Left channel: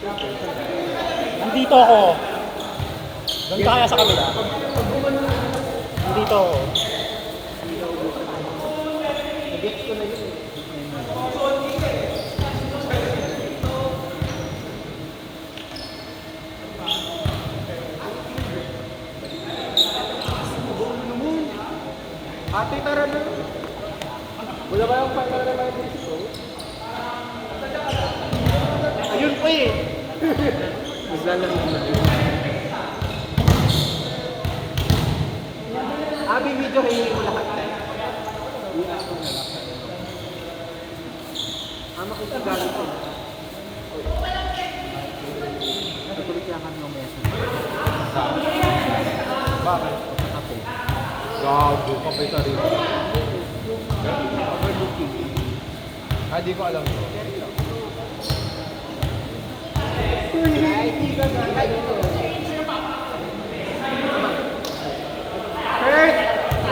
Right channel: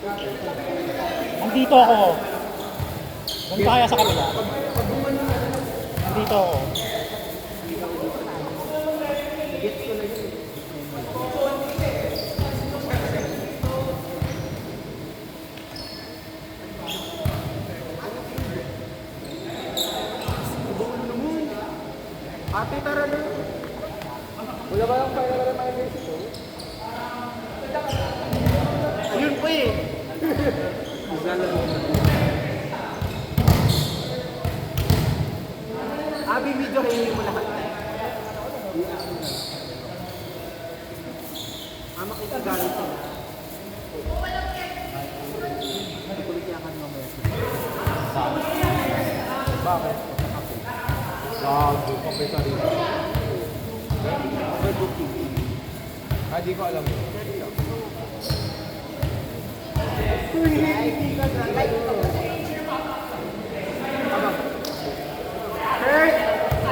Nandito ako. Ganito kaya sa kabila. Nandito ako. Ate, tara na. Wala ba yung final reminders ko? Ayun pa eh. Magalang naman. Abi, video kayo ko lahat. Ano ko sa galing ko? Nakuliklahan mo mo sa bakit? Pagkakape. Gago, kapay sa rin. Di ko alam mo.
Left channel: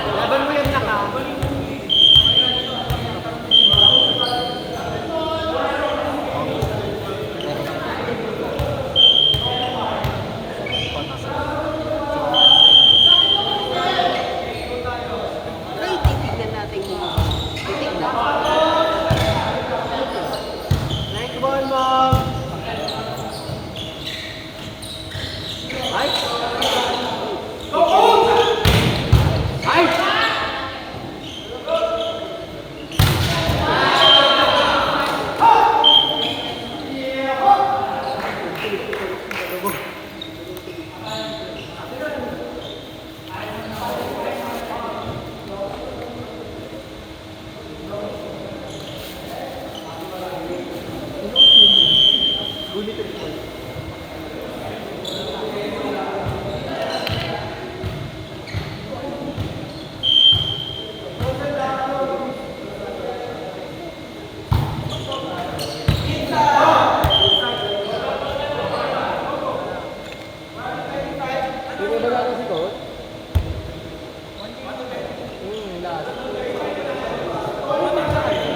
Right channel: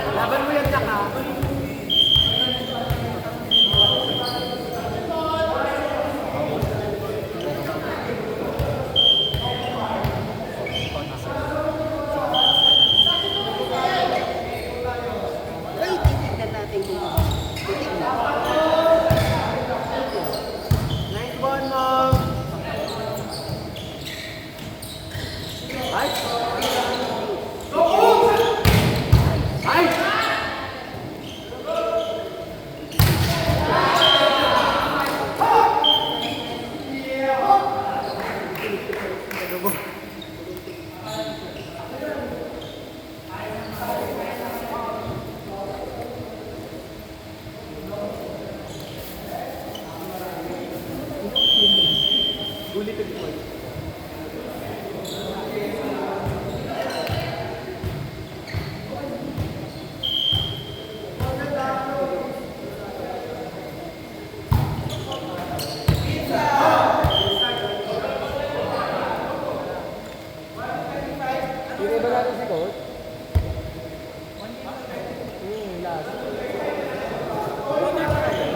Laban mo yan na. Ay, titignan natin kung titignan. Next one, mom. Yung iba natin si Coach? Last.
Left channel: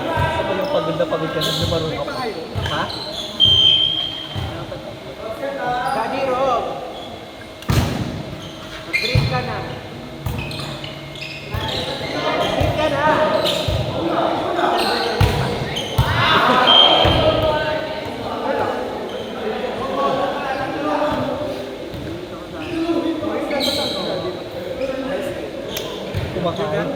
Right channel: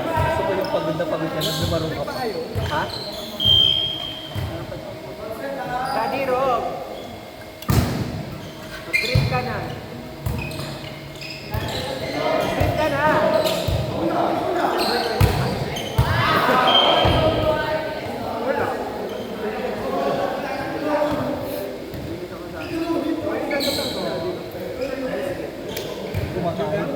Gusto ko yung pagod na pagod ka na lumarong ka pa. Ha? Daddy Rob! Drink ka na. Drink ka na! Kumakain.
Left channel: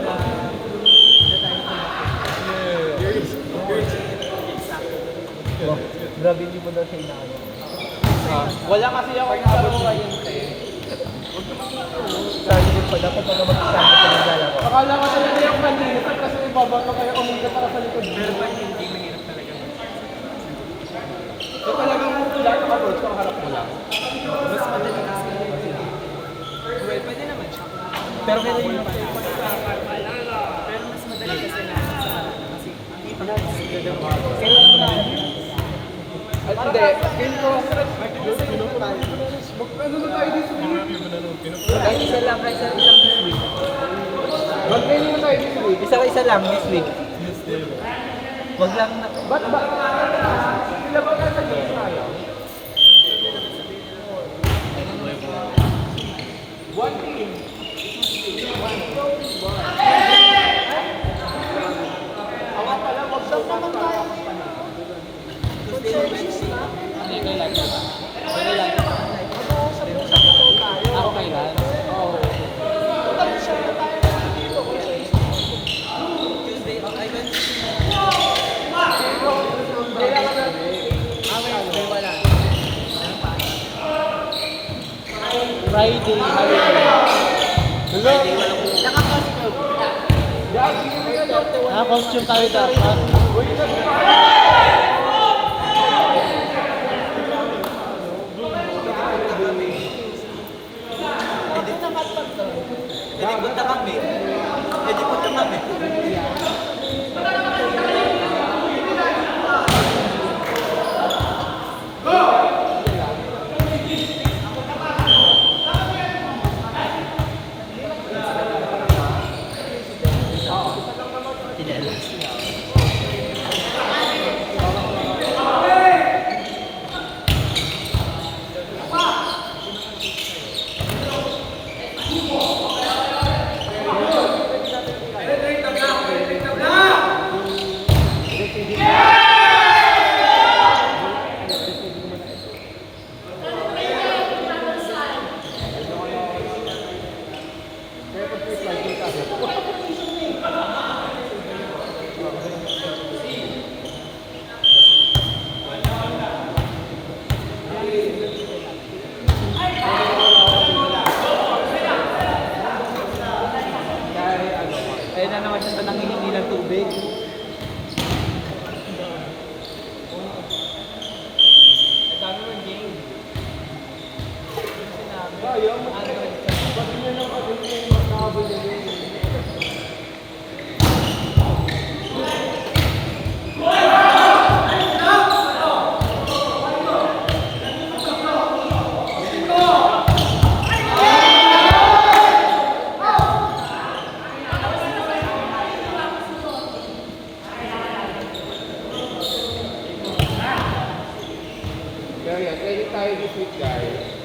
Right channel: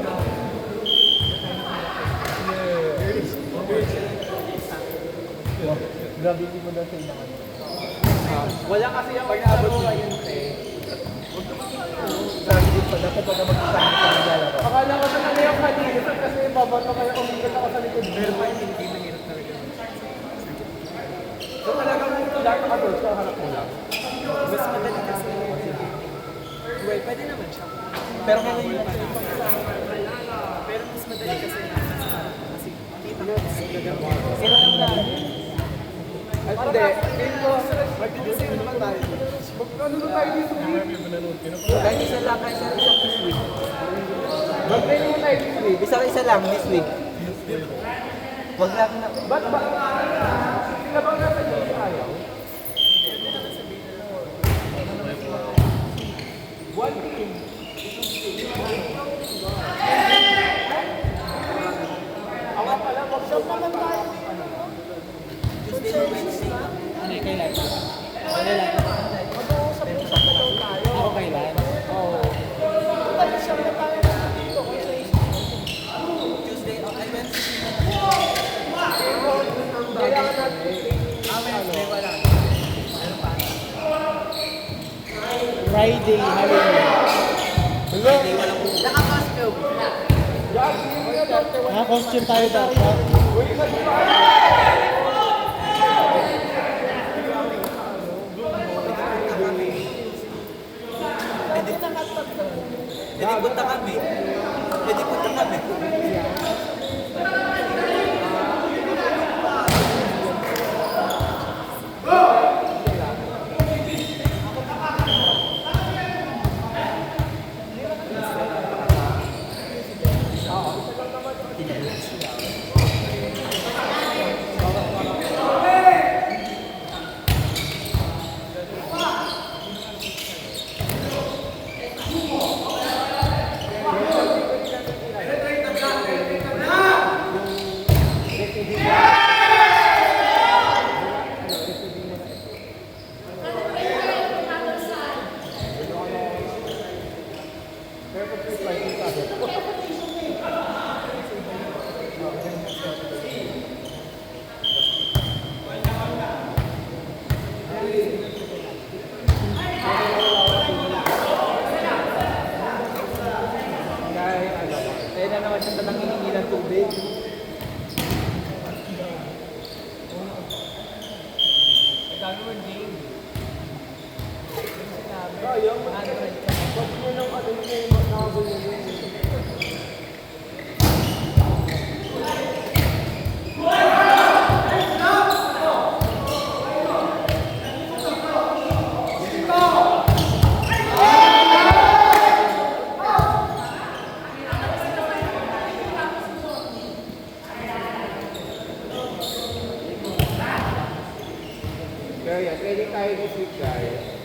Wow, grabe hindi mo daw siya inaano. Wala kasi ako inabot ngayon. Sabi din pa, dapat pag mag-isama sa nagala ko. Akala ko sa nila yung malinis kasi ibabato kayo umigat para sa likod. Pero pa hindi mahirap talaga. So talagang lahat ng approach ka, harap mo lang. Mas madali kasi. Well, pwede naman siya. Pero kaya yung pero mas madali kasi na kasi kita mo gagawin. At hindi, hindi ko mag-design naman tayo. Ano na tayo dito? Kahit isa lang, kahit isang this week. Mag-training na tayo this week. Isa lang this week. Wag lang na. Ba't ba? Sila ba nasa dito ayaw? One team. Awa pala, wag daw naman tayo. Ano yung kailan? Kailan? Ako kailan? Oo. Friday, holiday. Naka-costume tayo dapat. Hindi punta kami. Hindi punta kami. Kaya yan, ready tayo this week, guys.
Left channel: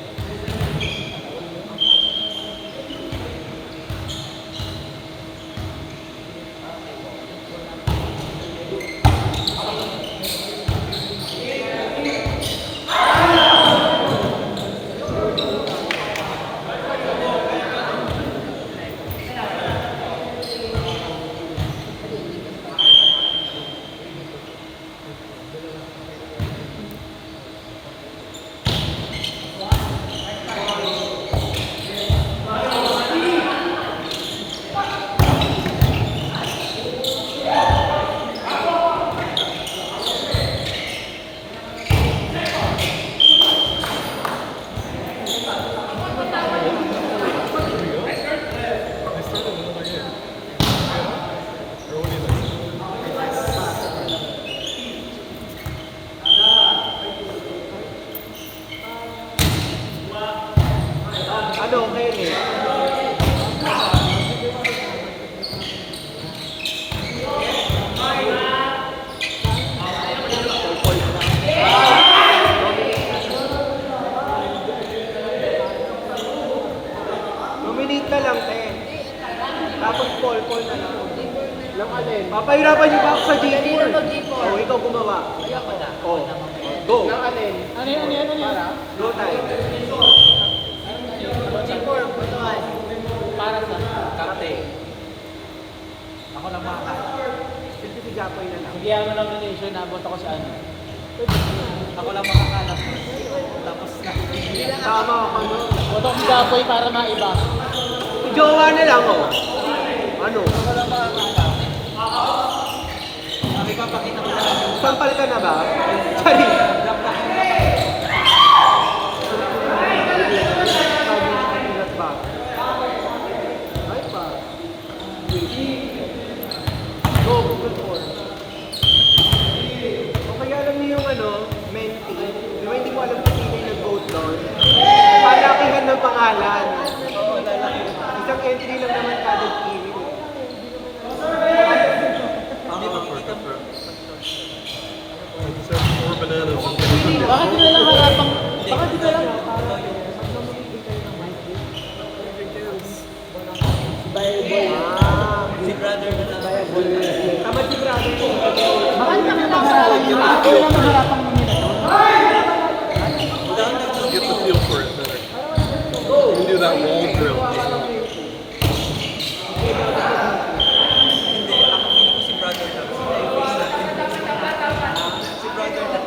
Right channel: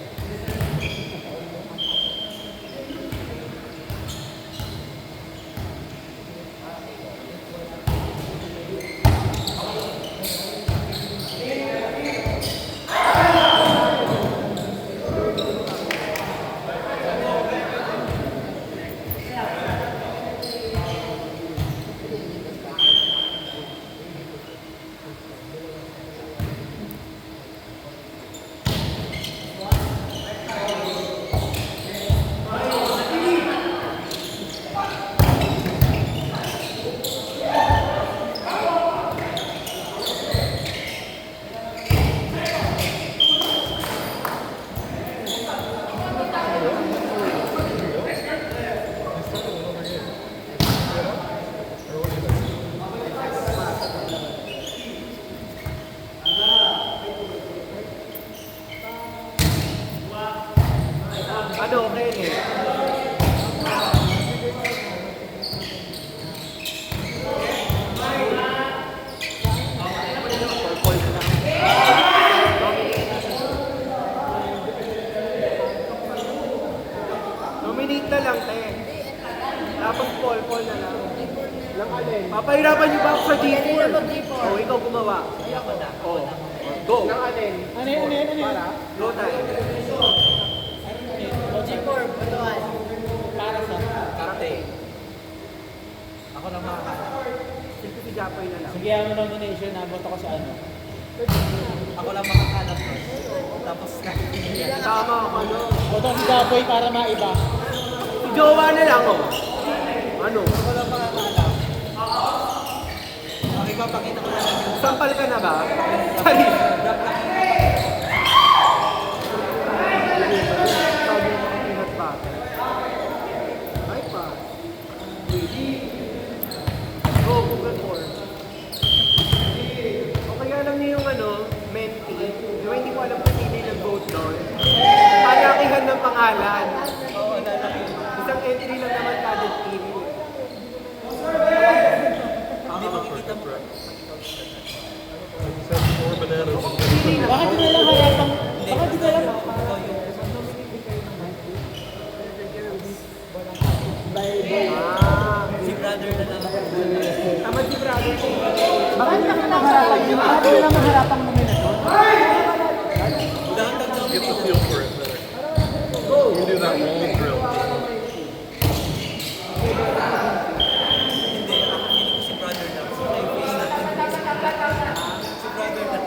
Minute na lang, te. Tapos call na lang. Lang alin? Papahirapan niyo ba ako sa G4? Oo, ikaw gumawa. Oo. Go. Lang alin? Ano yan? Go tayo. G4, butuan. Para sa captain. Ako lang mga. Siyempre si Japoy na lang. Sige, ang nomination, nabot ako sa ano. Ako lang makakalas. Tapos nakikita. Tama ako. Boto si Japoy para maiba. Jowa na lang, oh. Ano? Ako lang makakalas. Sabi ko, pakita ko lang yung Sampal ka na ba? Charis. Kaya alam niyo yung ano, menti. Hindi ko alam kung sino yung nag-vote doon. Malakihan ng pangalan. Isang entry lang naman kada team. Hindi makikita bro. Bakit di na lang harapang... Bakit di na lang... Si brother na lang. Tama si Bravo. Bakit di na lang harapang... Bakit di na lang harapang nomination? Get the feel for it better. You can do that wall drill. Hindi, ako feeling ko si brother na. Si face natin. Si brother na.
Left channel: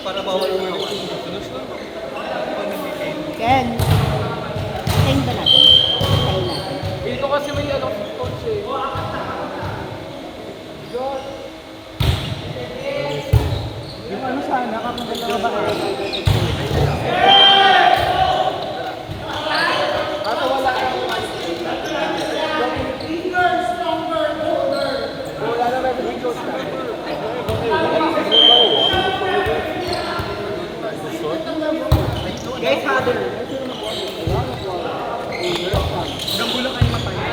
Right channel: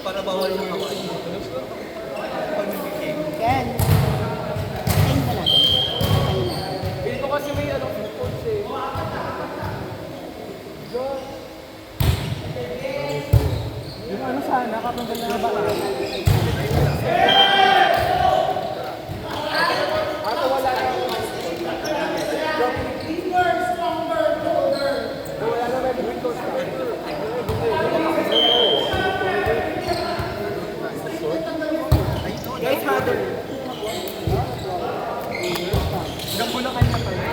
Para bawal mo yung Ken. Ken ba na? Dito kasi may ano, coach eh. Yung ano sana, kapag dalawa ba? Ato wala. Wala na rin, may close na. Guys, Heather. Gambulakan na pa yun.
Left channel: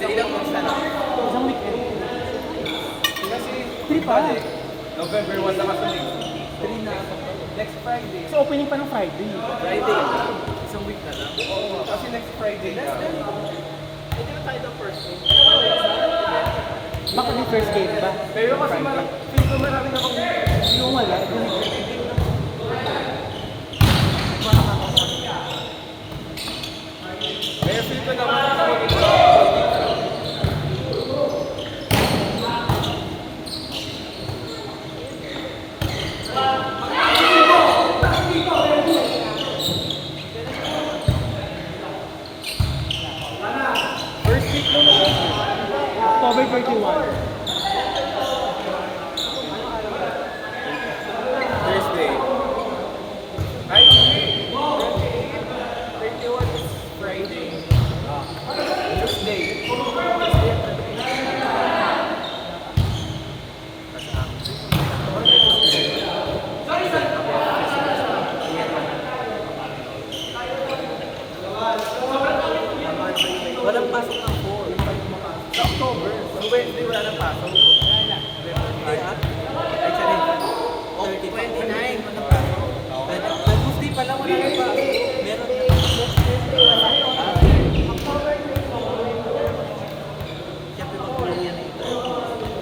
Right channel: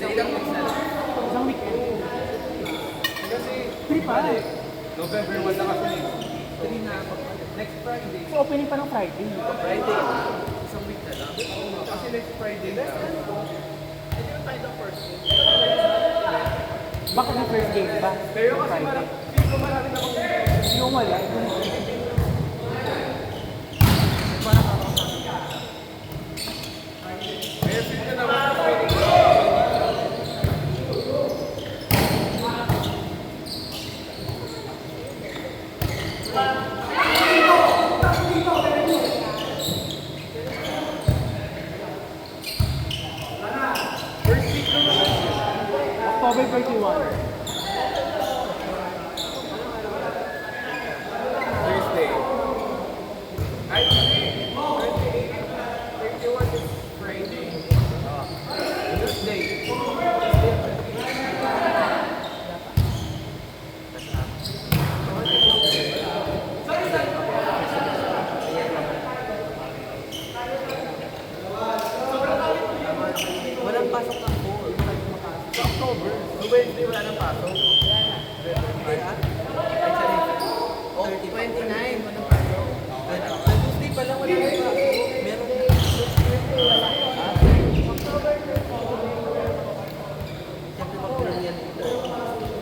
Sa ilang months na lang. Isang week eh. Kasi, Three pa. November 1 na kasi. 3 na. Next Friday. So opening pa ng Friday. Friday. Isang week na lang. Kasi next Friday na. Hindi na tayo the first. Bakit yung first game ba? Pero kasi marami na akong Yung wala. Kaya feel ko naman ako dito. October 31. Thursday. Ay, hindi. 28. 31 is Friday. Tuesday. Walang pasok ng 4. Sa October. Sa Wednesday wala nang pasok. Actually, 29. Tuesday pa lang wala nang pasok. Meron na.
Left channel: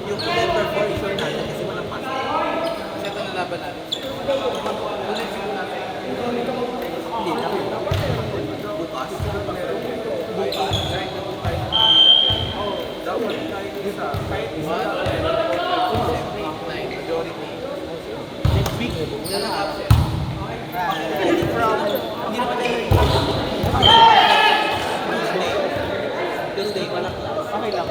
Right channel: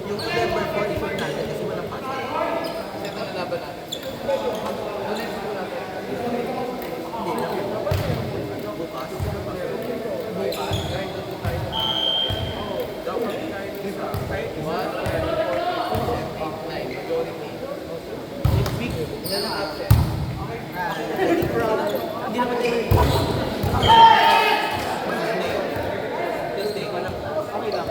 Yung November 4, sure natin kasi walang pasok. Kasi ito nalaban natin. Hindi na. Bukas. Kahit isa. Next week, na lang absent. Okay. From, hindi naman tayo Tuesday, walang class. Okay lang.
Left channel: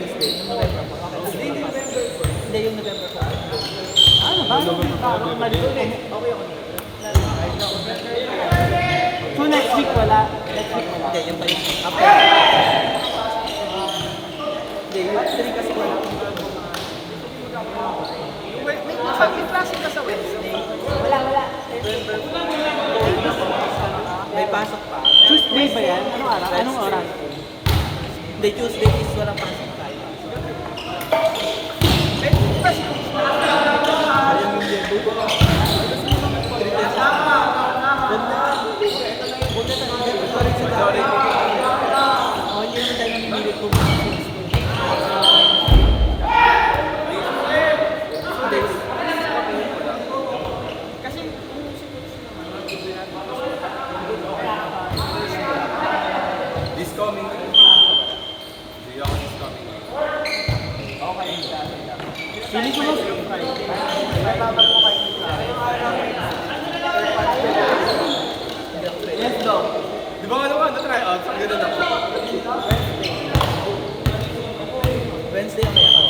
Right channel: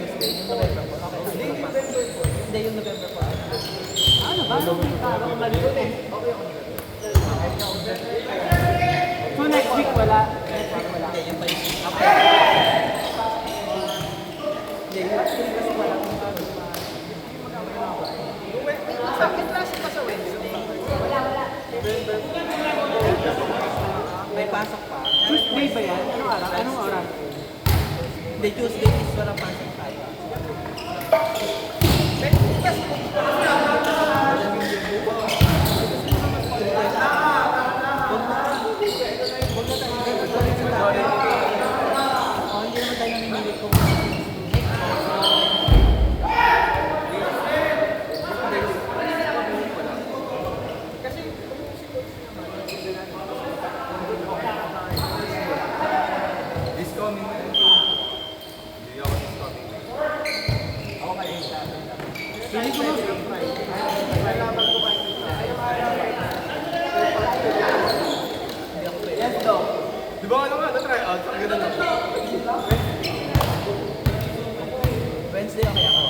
Tuesday, yung November. Hindi, November 4. Hindi, yung November 4. Ano ba? Okay. So next week wala. Hindi, yung pa yung after. Hindi, yung actually kasi wala kung ano. May klase ka sa Wednesday. Wala. November 4. May pasok pa. Tuesday ba yan? Anong oras? Hindi, Tuesday is walang pasok tayo. This coming week. Hindi ako this coming week. Feeling ko Di ba ano nga, na-try out? Ang ganda na po. Wednesday ang kaya ako.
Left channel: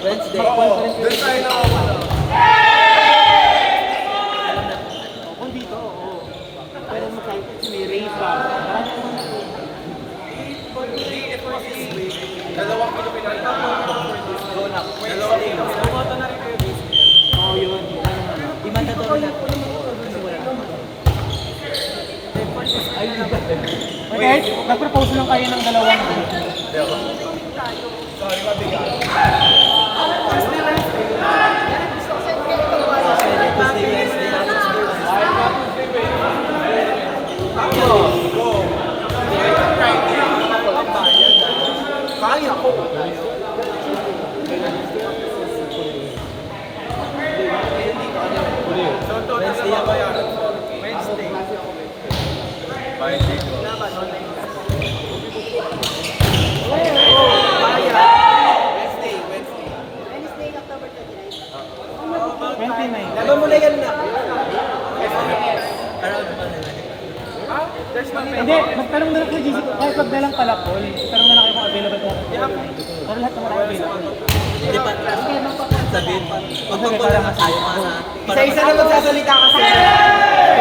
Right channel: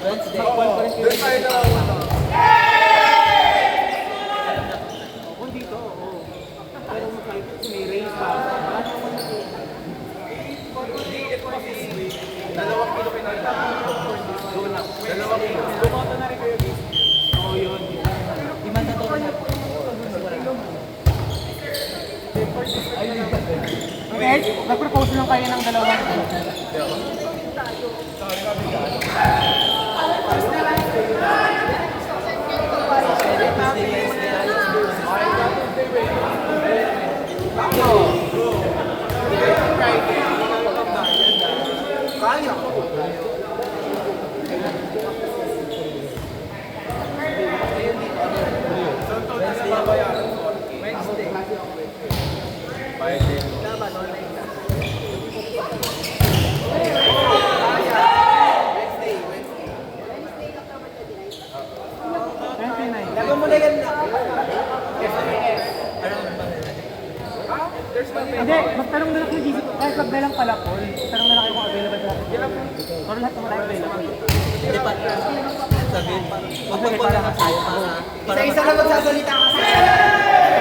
Wednesday. Oo, doon tayo nakawala. kung dito, oo. Pero kahit may race ba? Hindi, ito is week. 2 kilo pinalta. Dalawang kilo. Bumata na rin kayo this year. Oo, yun. Imandatory na po. Kasi wala naman. Guys, mag-propose lang kayo ng dalawang. Kaya ko. So, total na babayaran. Wednesday. By day 12. Wednesday. Wednesday, October 29. 29. Laban mo na yan na. There's no Hindi, magtanong na lang kayo. Kahit pag dalang pala po, tanong na lang kayo kung available na. Sorry lahat naman kayo available. Hindi pa. Sabihin pa. Magpapala na tayo para... Isa-isa na magsasalita kasi.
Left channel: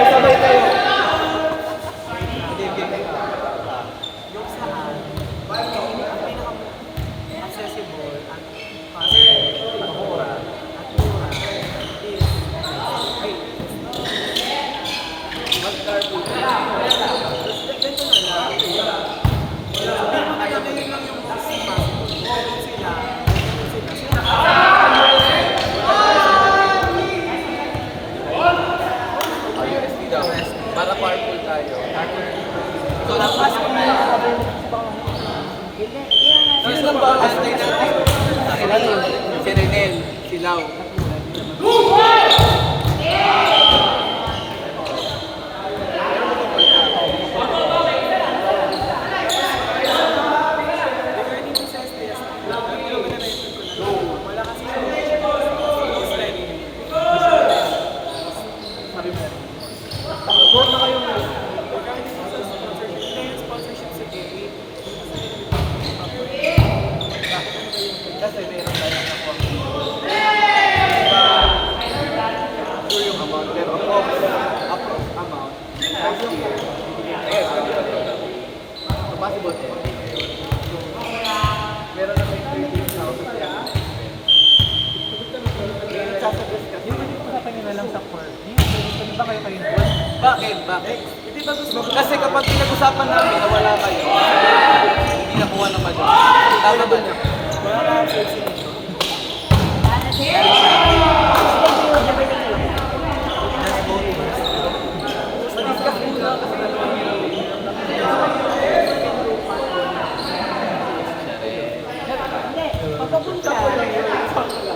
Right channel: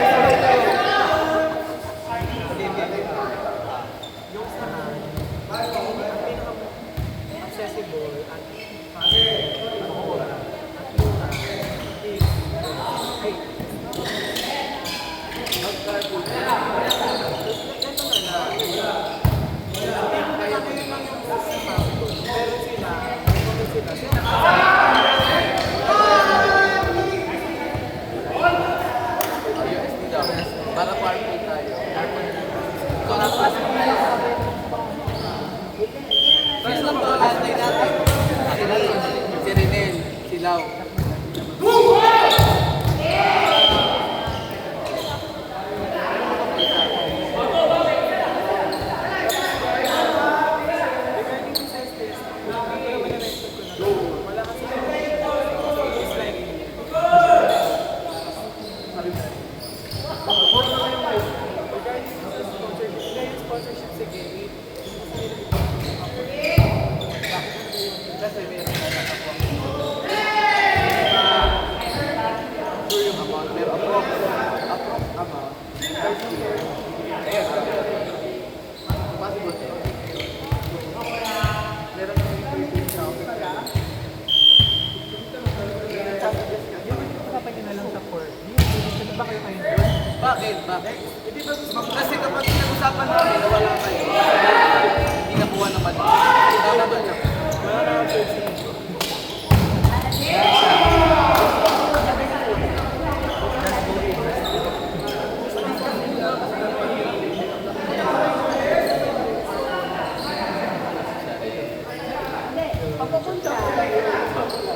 Sabay kayo. Yung saan, accessible at mura is mag-carpool. Ganito na lang. Pero kaya din lang yung maximum. Meron sila. Para carpool tayo. So, napasok na yung sino lang ba? Sila na yun. Si Renel, si Lau. Wala kasi Bakit? Hindi ba gusto mo? Kasi kapag pinag-usapan namin na wala kayo, hindi nakuha naman. Tama ba niyo? Wala ka ang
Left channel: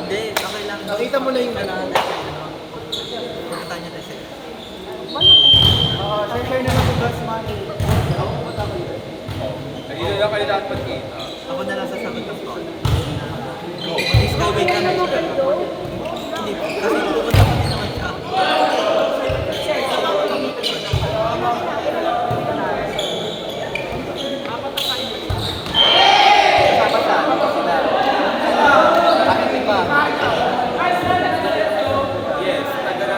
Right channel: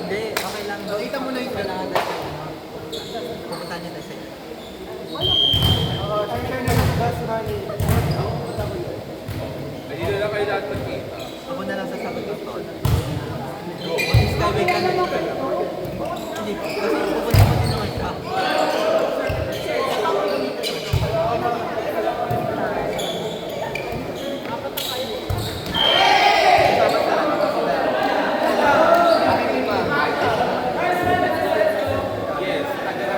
Hindi, okay lang. Nakita mo na yung Pupunta niya tayo sa'yo. Hindi na lang kayo lahat magkita. Ako na lang sasagot ng call. Skyway ka na. Hindi, kasi pupunta pa din naman siya. Yes, taga na.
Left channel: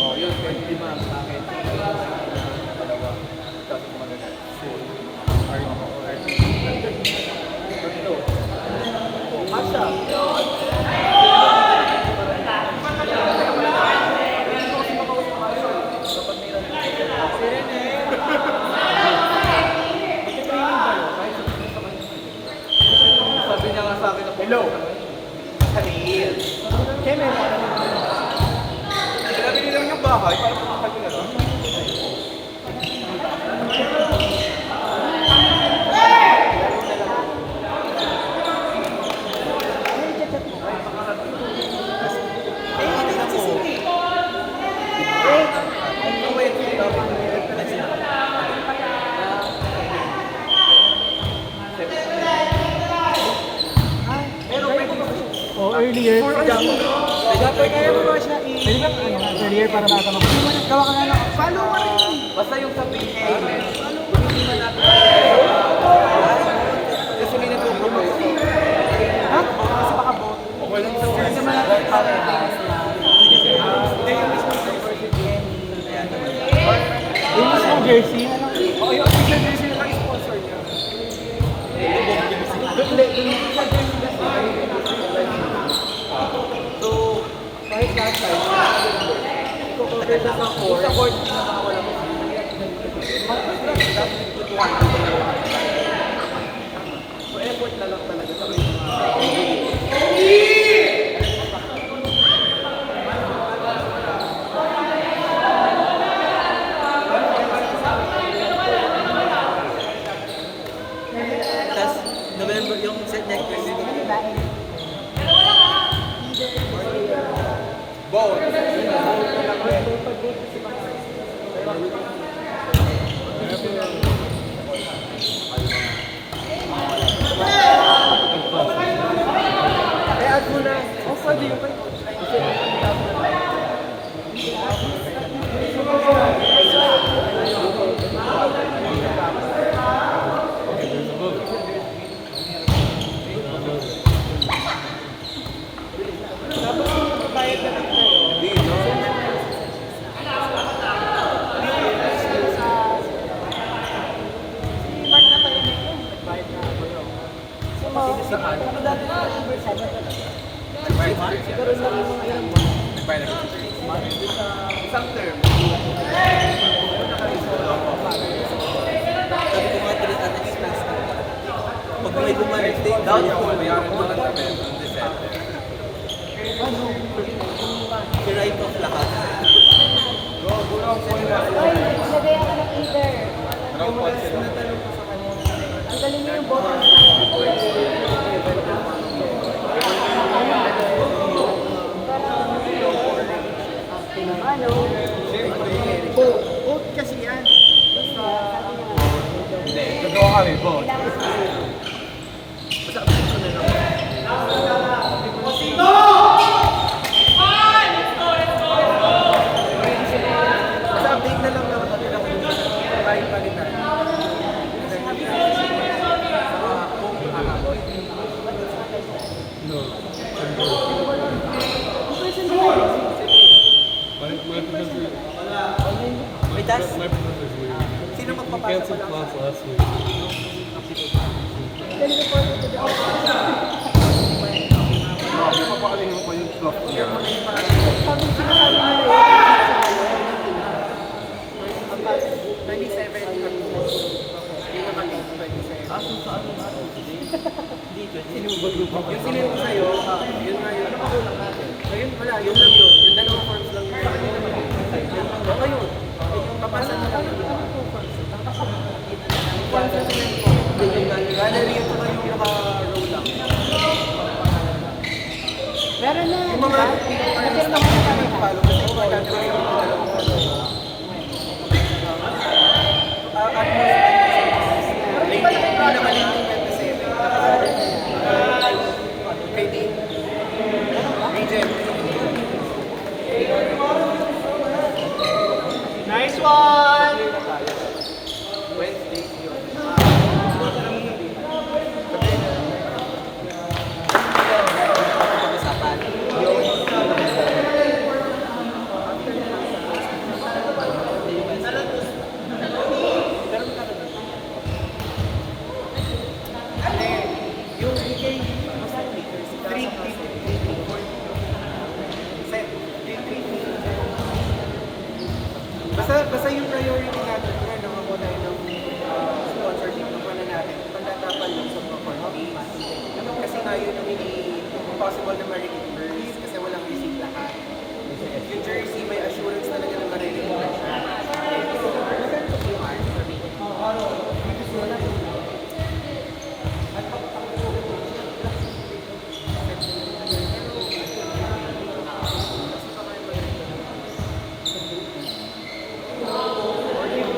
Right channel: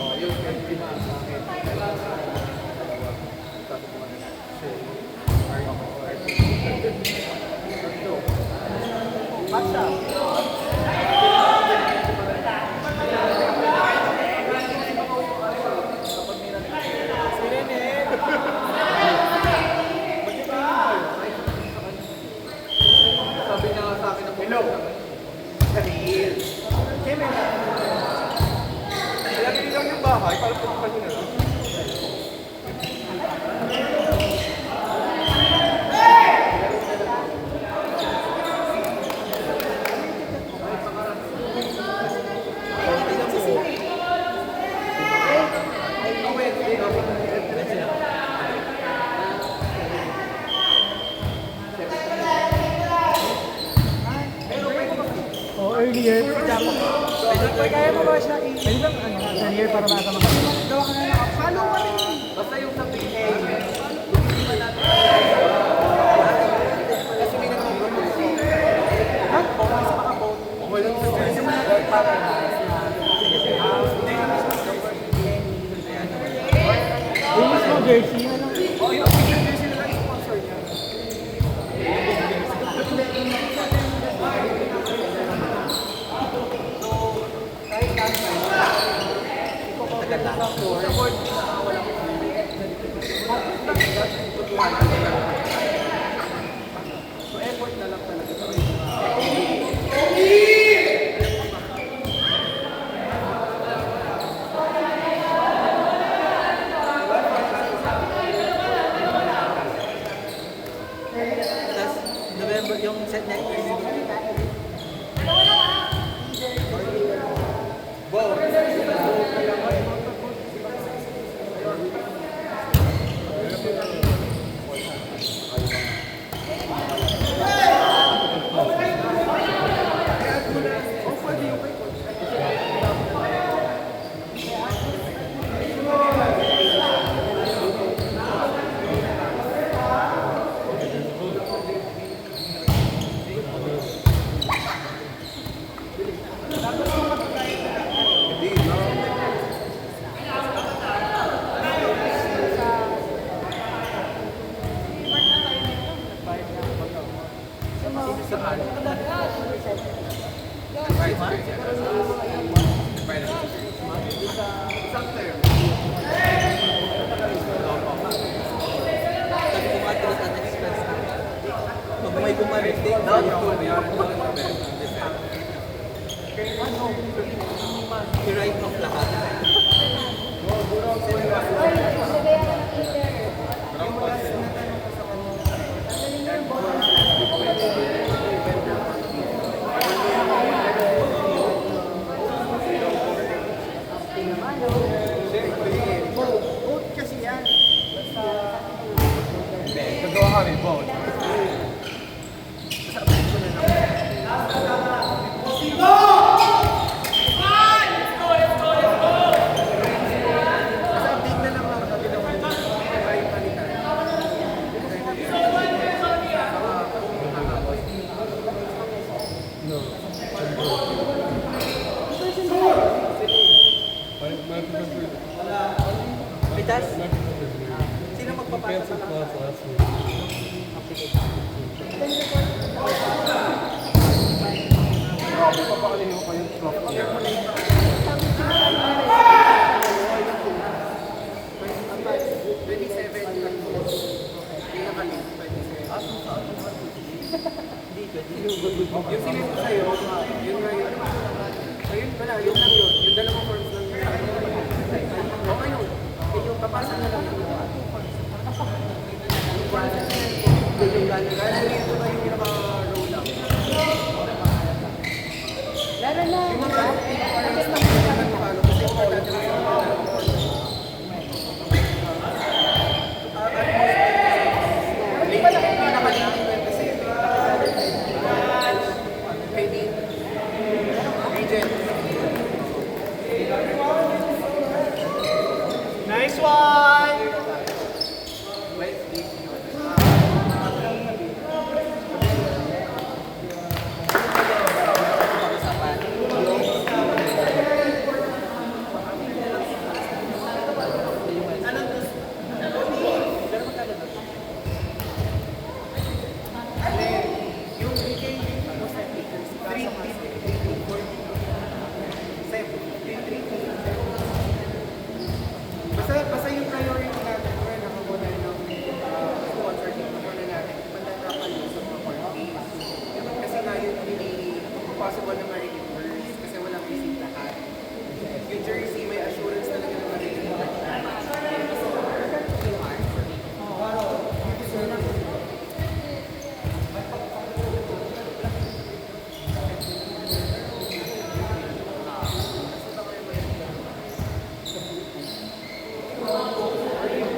Oh, yun, 25 sa akin. Dalawa. Tapos mga ganyan. Sabi niya nga sa akin na hello. Halil. Kaya binilang yung bahay para pumapan nyo na lang. O earlier, kaya mo ba siya earlier para makakama. Gawa ka na lang. Follow ka rin. Basta yung sabihin namin, kasi may nagpo-propose. Walang Kasi malapit para jersey na lang. Oh, yung official jersey na lang sponsor niya. So, kahit nasa, i-cover lang ako. Support na ako lang. So, effort na lang talaga sa Tapos, November, yung set next year. Sabi ko nga, delete an expense na. Pag may bumalik, take down. Bayaran mo lang namin ang December. I-write off lahat. Uy, lagayan ka ng heater. Parang concept. Tanggalin niyo yung bottle. Gagawa ka rin po. Sa update na lang ako natin ako kahit palitan. Mitas? Sino magpapasa pa lang sa Papakalihin mo pa yung clock niya. Yung sinilip ko sa'yo, yun nga yun. So yun pala, yun lang yun. Yung dalawang forms lang yun. O ayun, yung papasan mo lang yun. Yung gallery ito ba yung naka-roll lang? Meron na. Yung mga parang stuff na naman follow kasi yung mga dati yung dalawang forms. At most, pinakaling 27, nakagallery. Kay Dean. Regent. Nice one! Wednesday. Pag-usapan. Pero magkano doon? Yung BK, most likely, 3-3-4. Set. 3-3-3. Basta yung priority natin, kaya nakakuha tayo ng sponsorship, nakuha na natin, pandadapan yung sa mga court case. Kasi nga yun ang hindi possible na ma-reimburse kasi walang receipt lahat. Yung jersey, may assurance talaga na ma-reimburse.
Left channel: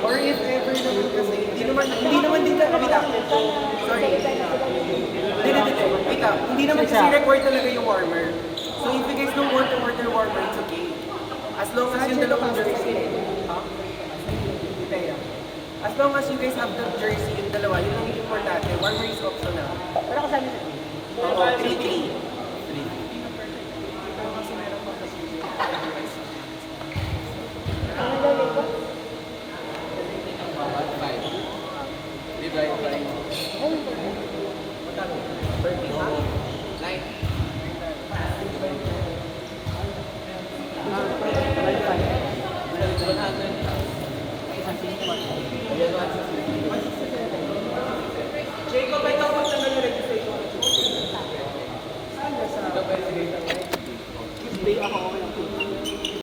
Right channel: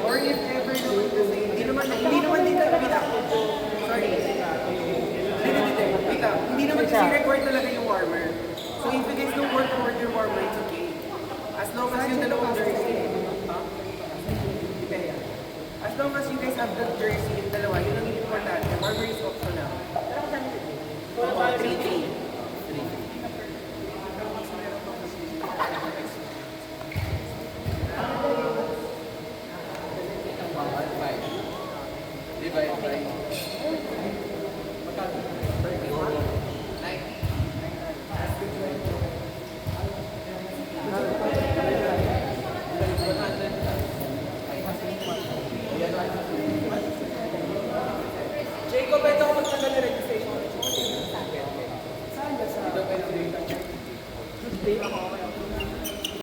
Or if ever naman kasi, hindi naman din talaga. Sorry. Hindi. Wait lang. Hindi naman kasi required talaga yung warmer. So if you guys don't want to order warmer, it's okay. As long as yung dalawang jersey. Huh? Kaya. As long as you guys have the jersey, yung dalawa, yun ang importante. Warmer is optional. Wala ko sabi. 3-3.